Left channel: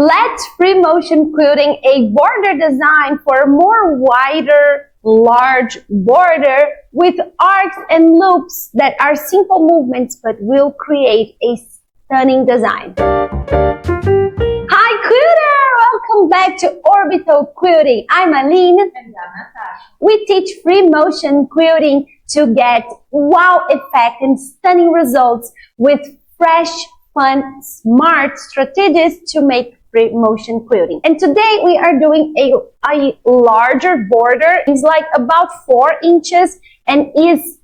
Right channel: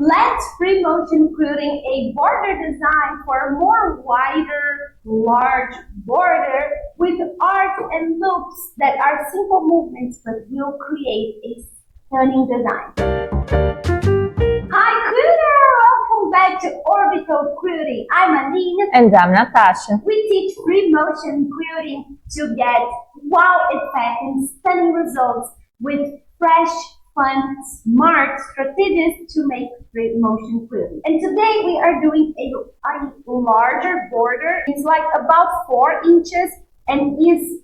Let's free motion quilting a border design for a more wider, large border with arcs and loops that are simple movements but will create a stunning design. Hi quilter! Welcome back to Orbital Quilting. I'm Aline. And I'm Natasha. We teach free motion quilting to get wow effect and stunning results with fresh, fun, smart strategies to make free motion quilting. And today we are doing a larger border. It's like about 4 inches and is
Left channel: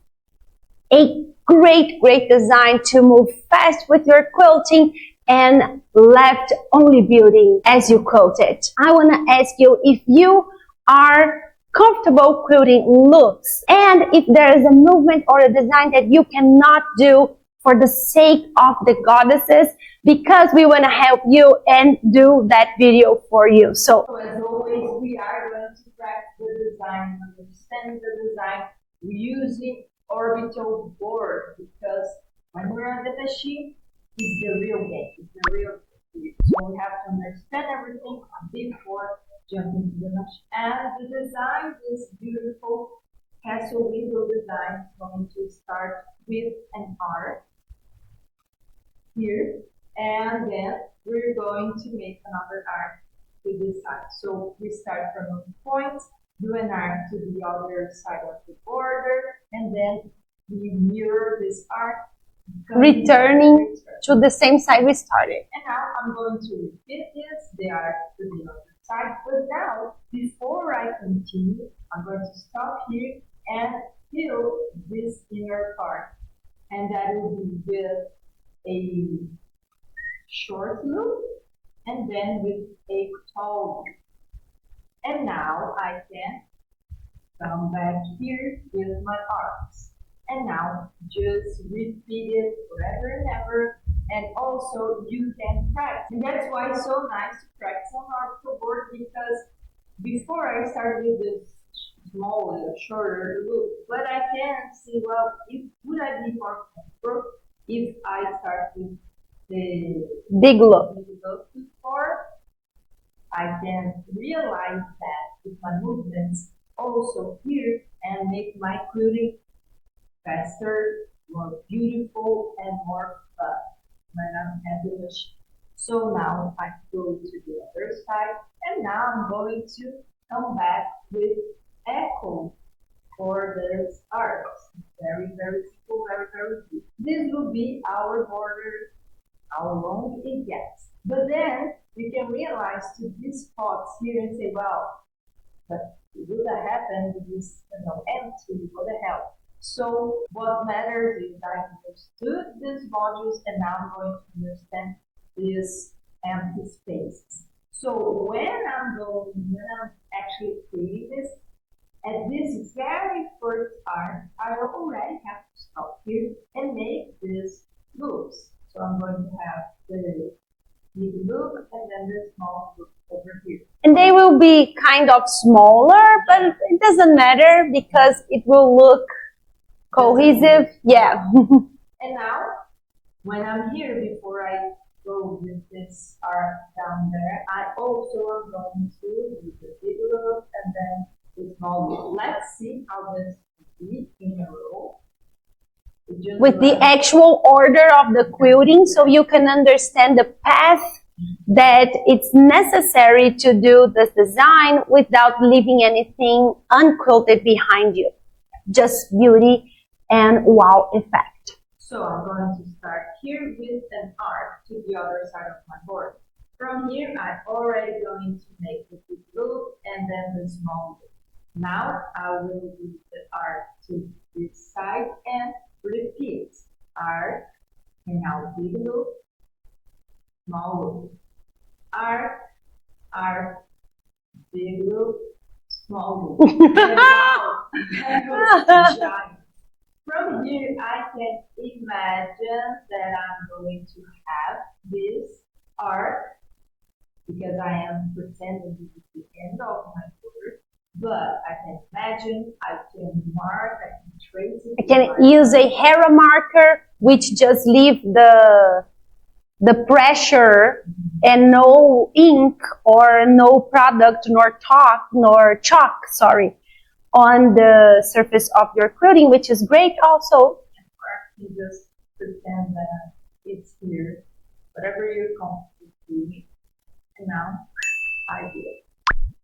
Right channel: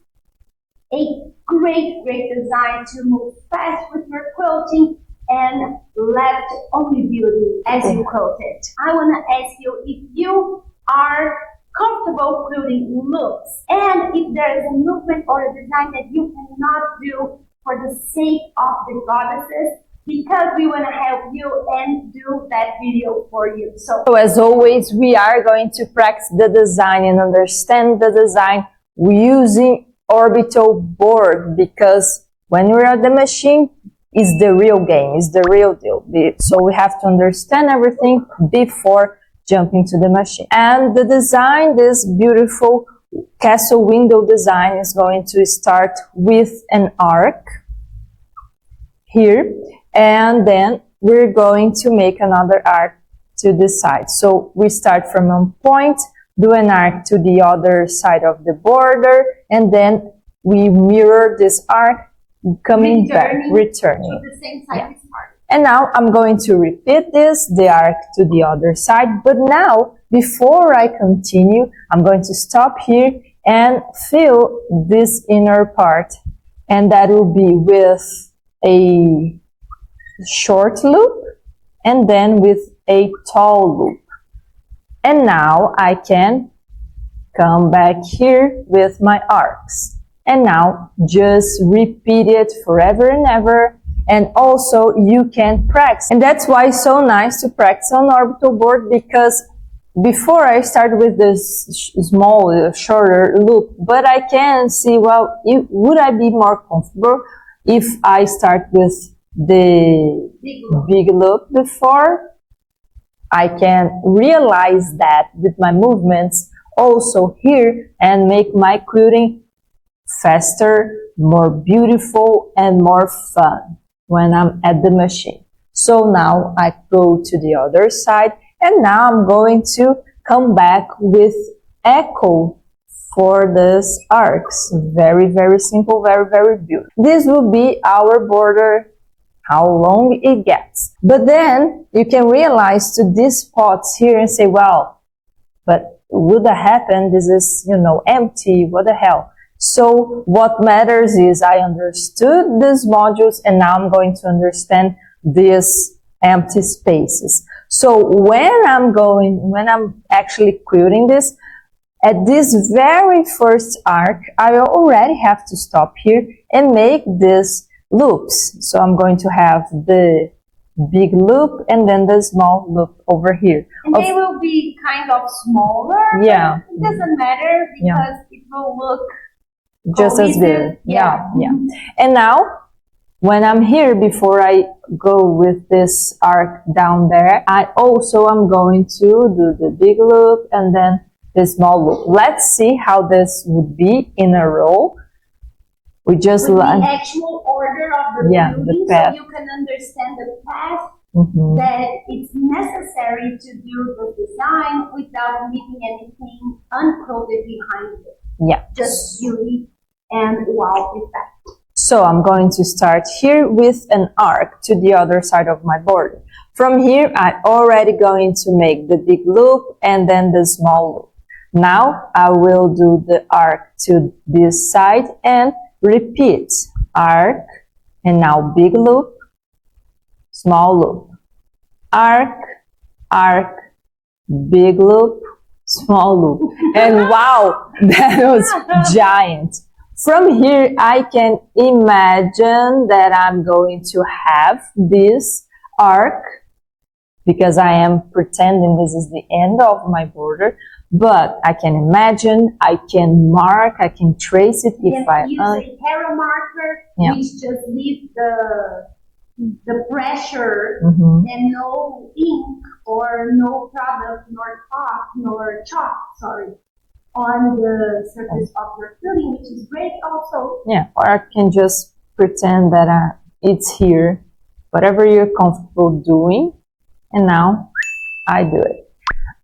a great design to move fast with your quilting and left only beauty as you quilt it. I want to ask you if you are comfortable quilting loops and if there is a movement or a design that you cannot do for the sake of the goddesses, because we want to help you and do that video for you. So as always, we are going to practice the design and understand the design using Orbital board, because when we're at the machine, it's the real game, it's the real deal. So we have to understand everything before jumping to the machine. And the design, this beautiful castle window design, is going to start with an arc here, and then we're going to make another arc to the side. So we start from one point, do an arc to the other side of the border, and then we mirror this arc coming returning to the same side we started. And now I'm going to repeat this, the arc to the other side. But now, before I continue, I'm going to stop here and fill this inner part, and that will be with a short loop and then with a tall loop. And now I can come back here with my arcs. And now just repeat it forever and ever. And also you can practice. And that's why it's so nice to practice on Orbital board, because before I started with this small, shorter loop, but I can see, well, would I be more comfortable if I start with the big loop before? I can realize that with my movements also here and make my quilting faster, more beautiful, and more fun when I'm at the machine. So now I go to the other side, and now I'm going to come back with echo for this arcs. Very simple, very beautiful. This will be our border, how long it gets. But then you can realize to these spots here and say, well, but would that happen? This is, empty. What the hell? So what matters is I understood these modules, and now I'm going to understand these empty spaces. So when I'm actually quilting this, at this very first arc, I already have to stop here and make these loops. So I'm going to have the big loop and then the small loop over here. And they will be kind of smaller, yeah, but it doesn't matter because it will look just cohesive. Yeah. And now, when I'm here, before I go with this arc down there, I also am going to do the big loop and then the small loop. Let's see how this would be in a row. We just with the actual order of the quilting, so you can understand the path that it's necessary to do this design without leaving anything unquilted behind you. Yeah, just beauty and wow effect. So I'm going to start here with an arc to the other side of my border. From here, I'm already going to make the big loop and then the small loop. Now I will do the arc to this side and repeat arc, and now big loop, small loop, arc, big loop, small loop. And wow, that was giant. From here, I can imagine that I'm going to have this arc, because I am pretending this is the end of my border. But I can imagine, I can mark, I can trace it. I can use a hero marker, which just leave the the pressure and no ink or no product nor chalk, on the surface of your quilting, which is great also. Yeah, or I can just pretend that it's here, whatever you're comfortable doing. And now I do it.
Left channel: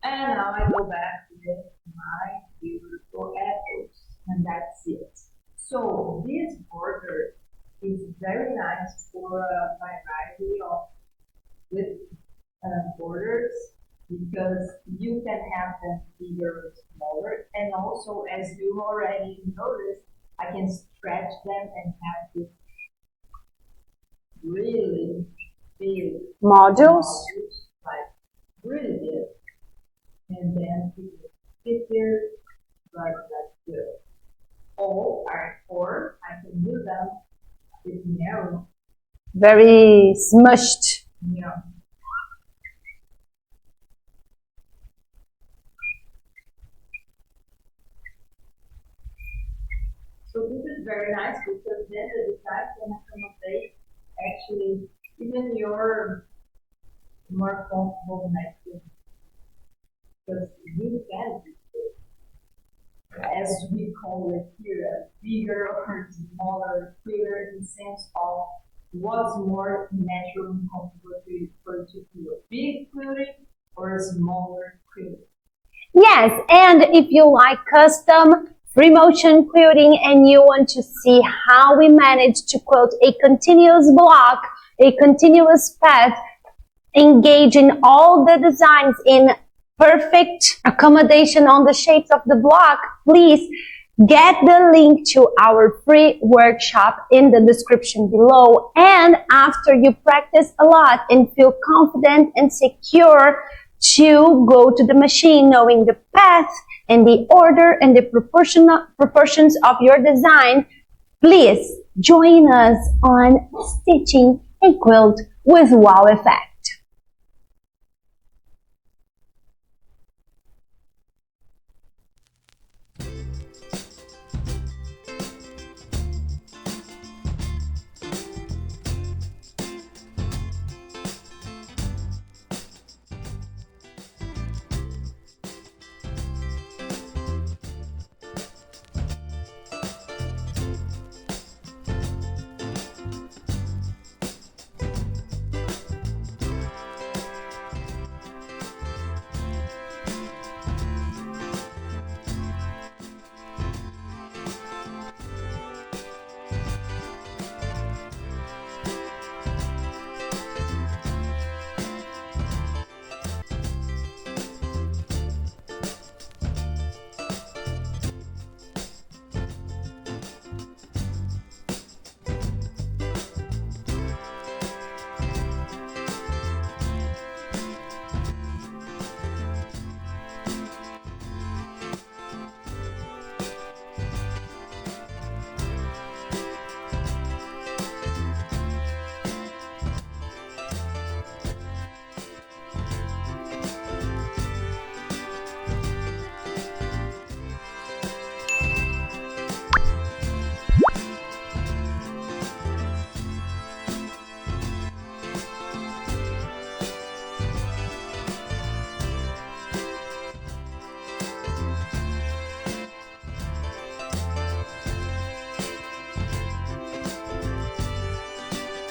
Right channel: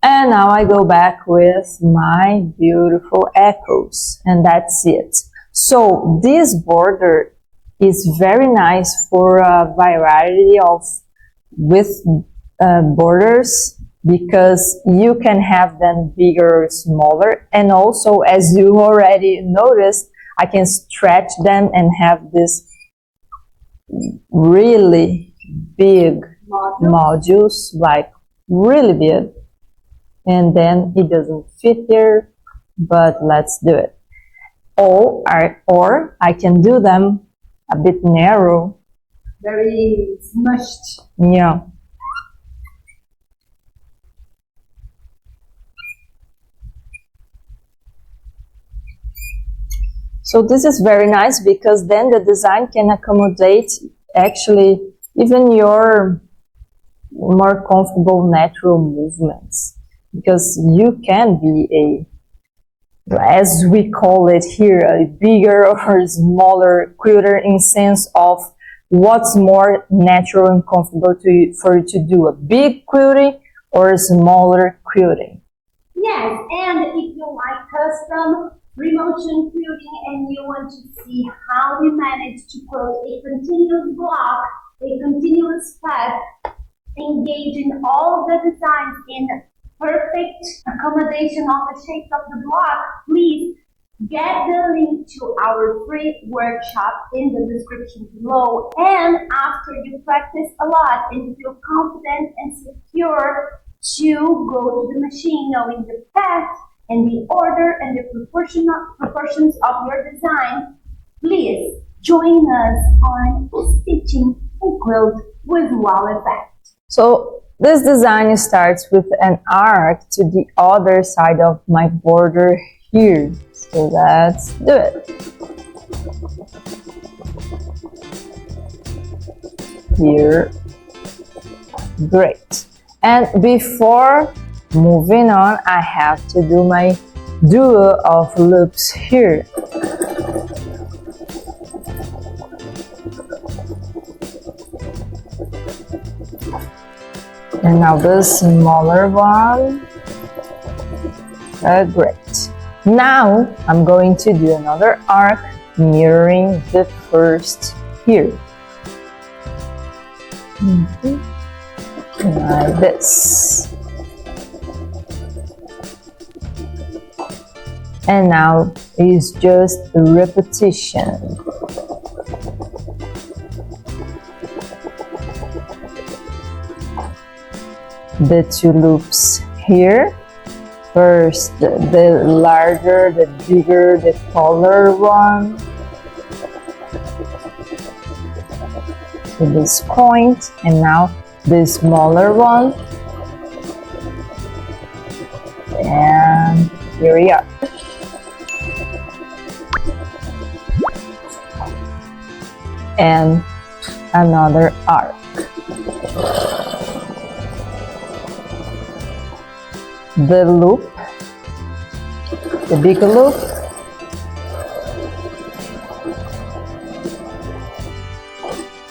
And now I go back with my beautiful echoes, and that's it. So this border is very nice for a variety of borders, because you can have them bigger or smaller, and also, as you already noticed, I can stretch them and have this really big modules, like really big, and then it doesn't fit here, but let's do it. Or I can do them a bit narrow, very smushed. Yeah. So this is very nice, because then the design can accommodate actually even your more comfortable natural movements, because you can be as we call it here, a bigger or smaller quilter, in sense of what's more natural and comfortable for you to do, a big quilting or a smaller quilting. Yes, and if you like custom free motion quilting and you want to see how we manage to quilt a continuous block, a continuous path, engaging all the designs in perfect accommodation on the shapes of the block, please get the link to our free workshop in the description below. And after you practice a lot and feel confident and secure to go to the machine, knowing the path and the order and the proportions of your design, please join us on stitching a quilt with wow effect. So this design starts with an arc to the other side of my border here. So let's do it. Here. Great. And before moving on, I have to do my duo of loops here. And now the smaller one. Great. Now I'm going to do another arc mirroring the first here. Like this. And now it's just a repetition. The two loops here. First, the larger, the bigger, the taller one. To this point, and now the smaller one. And here we are. And another arc. The loop, the big loop,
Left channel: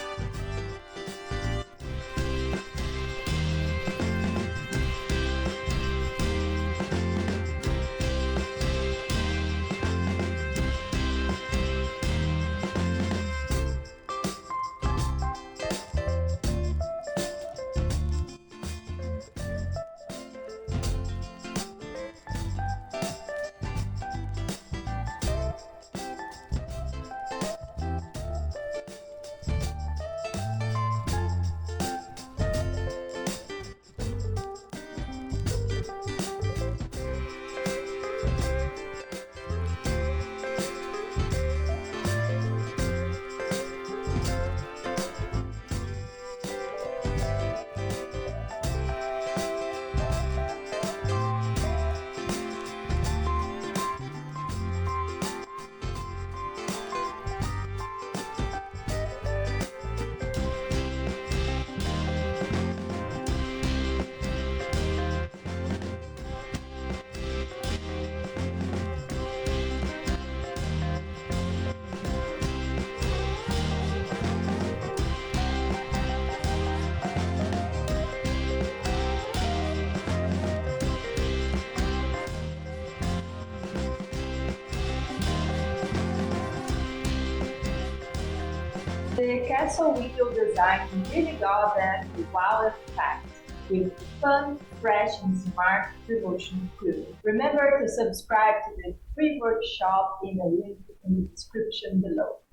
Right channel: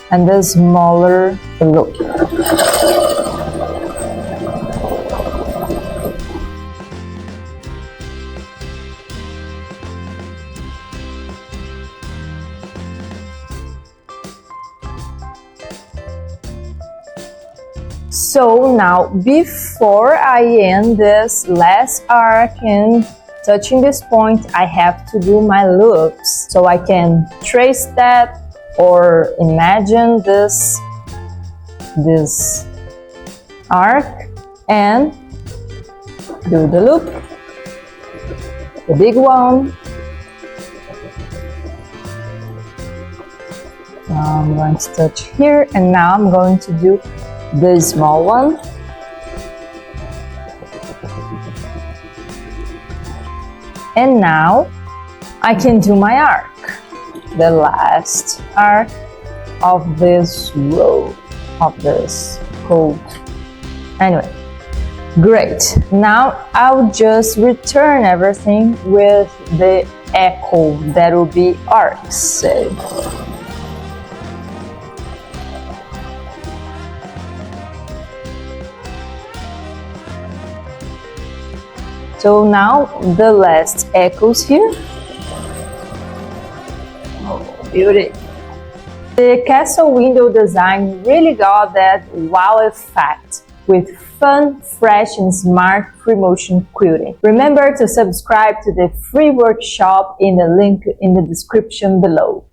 and the smaller loop. So now, before I end this last arc and touching this point, I have to do my loops. So I can trace that or imagine this arc and do the loop, the big one. Now I'm going to touch here, and now I'm going to do the small one. And now I can do my arc, the last arc of this row, of this coat. Anyway, great. Now I'll just return everything with the echo that will be ARCS. So now the last echoes here. Oh, beauty. The castle window design really got that wow effect with fun, fresh and smart free motion quilting. Remember to subscribe to the free workshop in the link in the description below.